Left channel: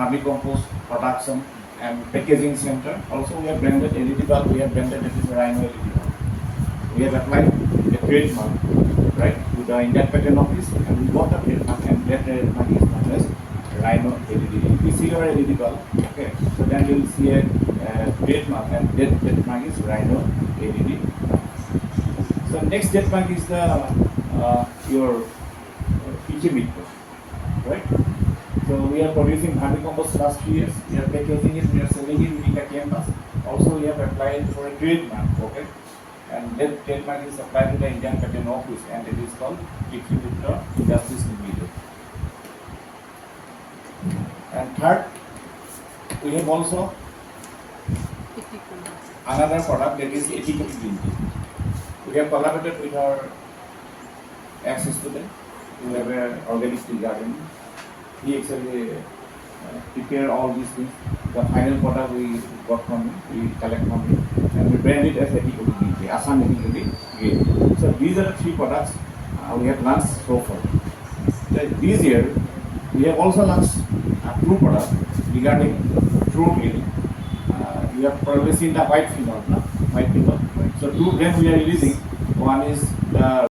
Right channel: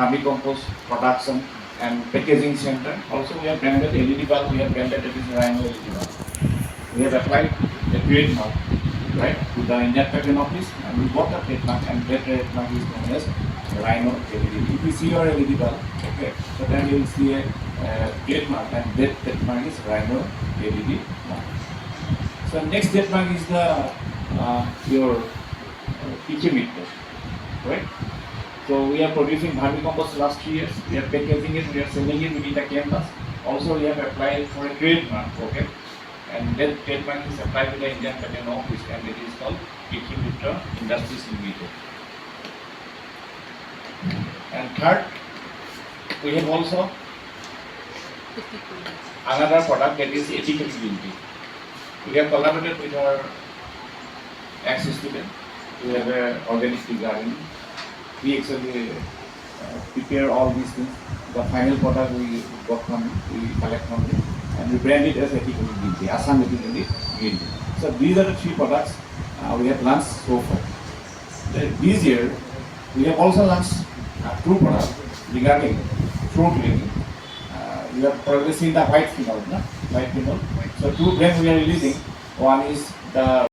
vermicompost production and packaging center. Also, we have branded LED bulb. We have branded it is Rhino LED bulb. We have applied the trademark, right, to the Indian Patent Office, and we got the trademark, and that trademark is known as Rhino LED. If you see your LED bulb, okay, so then you will see a trademark, and that trademark is Rhino LED. So next trademark is the your meter, right? So we are producing vermicompost last 3 years. We are packaging it. We are selling it within the campus. Also, we have applied for a trademark, okay? And that trademark is applied to the Indian Patent Office, and it is called Meter Industries Limited. And third, we have also another product that is ethically guilty. We have collaborated with our ex-student. We have an organic tea garden. We actually prepare all these things. The final product we got from him, we collect from him, and we brand it as ethically guilty, Assam ethically guilty. So these are the 3 products we have launched so far. This year, we have also launched a 2 products regarding fruit cleaning. We have probably seen the white fever, no? White fever. So 2 brands we are releasing. One is the